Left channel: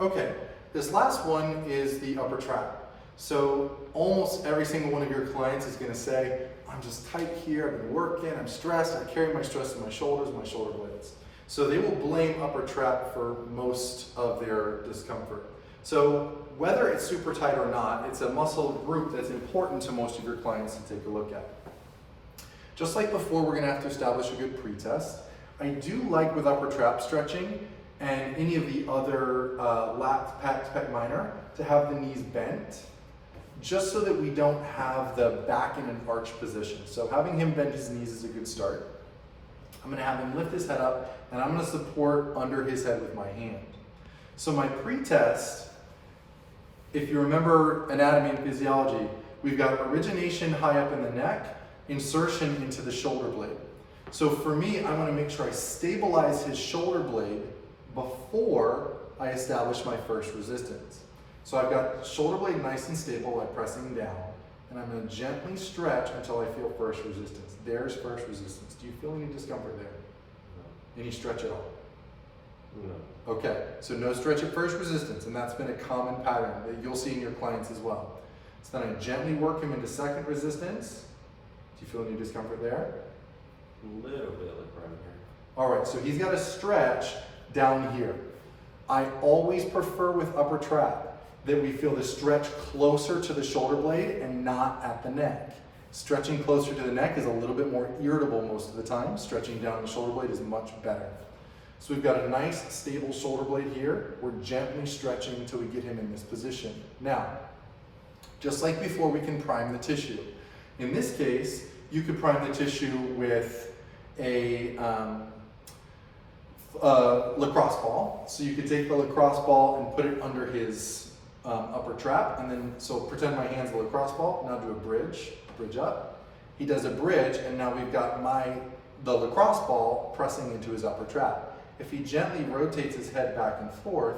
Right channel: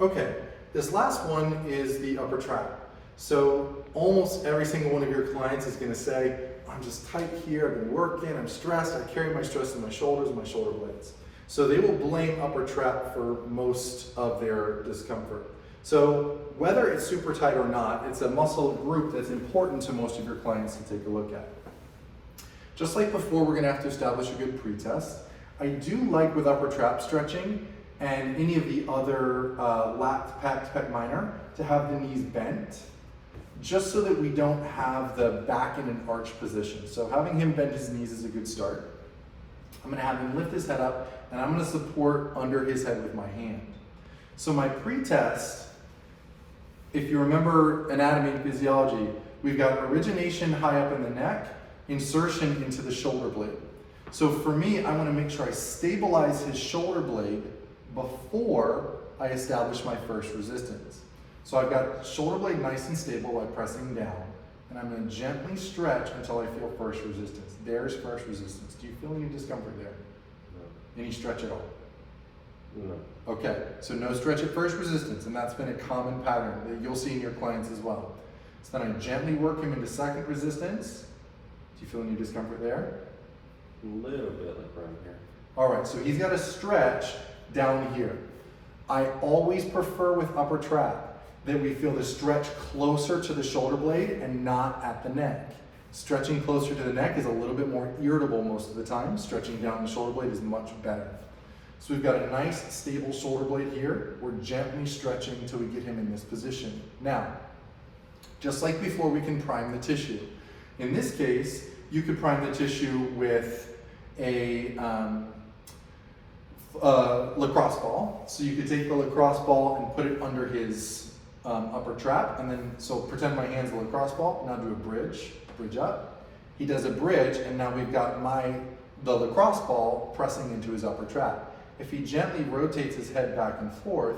Okay, this last one is the upper trap. So almost every single one of your clients is going to say, I'm just tight here, I've been working, I'm stressed, I carry my stress in my shoulders and my shoulder blades. So they will blame upper trap for most of their discomfort. So whether it's super tight or not, it's a muscle group that's important to most of your clients to take a look at. Just like before, we're going to have to establish a good pretest. I do like with upper trap stretching and any of the other lat, pec minor to have the knees bent, just so that we don't have the back in an arch position. So having him bend his knees is a good start. I'm going to have him lift his head up, and I'm going to support under his head with my hand. So my pretest, if you remember anatomy and physiology, we've got origination high up in the neck, insertion into the shoulder blade. So for me, I want to make sure I stabilize his shoulder blade before I establish my first resistance. So I've got shoulder blade nice and stable by pressing down, and I'm going to gently stretch until I feel first resistance. There's first resistance. Do you feel any discomfort there? No. Any stretch at all? No. Okay, so no stretch at first resistance, and that's been a common pattern that you'll see in your clients as well. So then I gently work him into second resistance. Do you feel any discomfort there? A little bit, like around here. All right, so he's got to stretch down here. I always prefer with upper trap that we feel the stretch closer to the shoulder blade and not at the neck. Stretching closer to the neck is a little bit more irritable most of the time. Stretching down the shoulder blade is much better. So we've got a nice stable shoulder blade here. We're gently stretching until we get him in this position. Now, just like before, we can prime the tissue. In this case, you could prime the tissue with a lacrosse ball. So you could take the lacrosse ball and put it under his upper trap, and then, so pretend my hand's a lacrosse ball, now do a bridge up. He does a bridge, and now we've got the lacrosse ball pressing into his upper trap. If he gently rotates his head back and forth,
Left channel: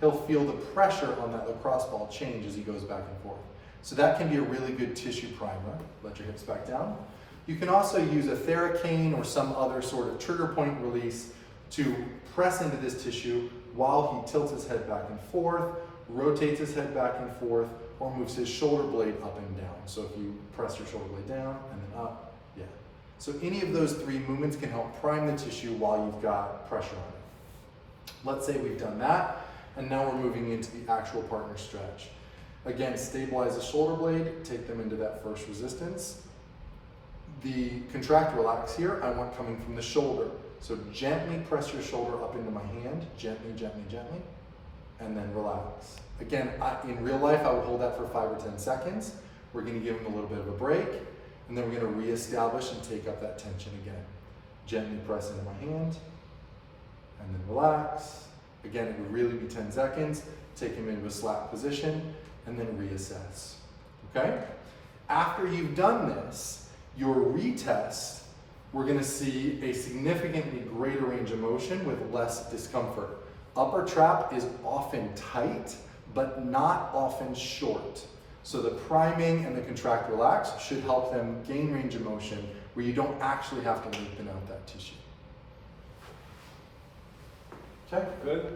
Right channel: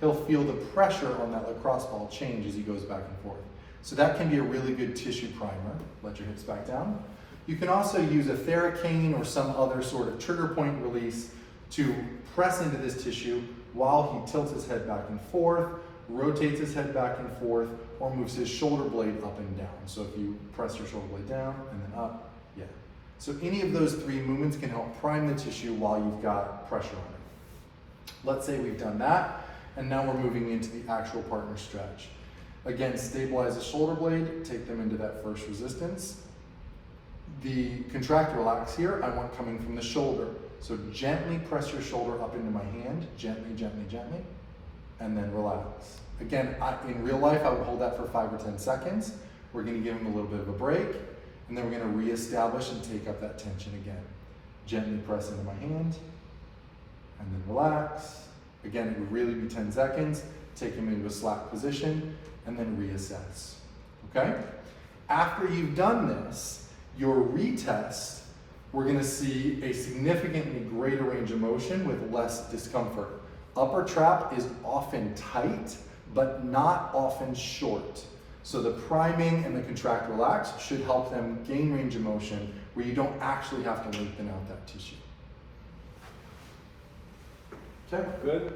he'll feel the pressure on that lacrosse ball change as he goes back and forth. So that can be a really good tissue primer. Let your hips back down. You can also use a Theracane or some other sort of trigger point release to press into this tissue while he tilts his head back and forth, rotates his head back and forth, or moves his shoulder blade up and down. So if you press your shoulder blade down and then up, yeah. So any of those three movements can help prime the tissue while you've got pressure on it. Let's say we've done that, and now we're moving into the actual partner stretch. Again, stabilize the shoulder blade, take them into that first resistance. The contract relax here, I want coming from the shoulder. So gently press your shoulder up into my hand, gently, gently, gently, and then relax. Again, in real life, I would hold that for 5 or 10 seconds. We're gonna give him a little bit of a break, and then we're gonna reestablish and take up that tension again. Gently press into my hand, and then relax. Again, it would really be 10 seconds. Take him into a slack position, and then reassess, okay? After you've done this, your retest, we're gonna see a significantly greater range of motion with less discomfort. Upper trap is often tight, but not often short. So the priming and the contract relax should help them gain range of motion where you don't actually have to lengthen out that tissue. Okay? Good.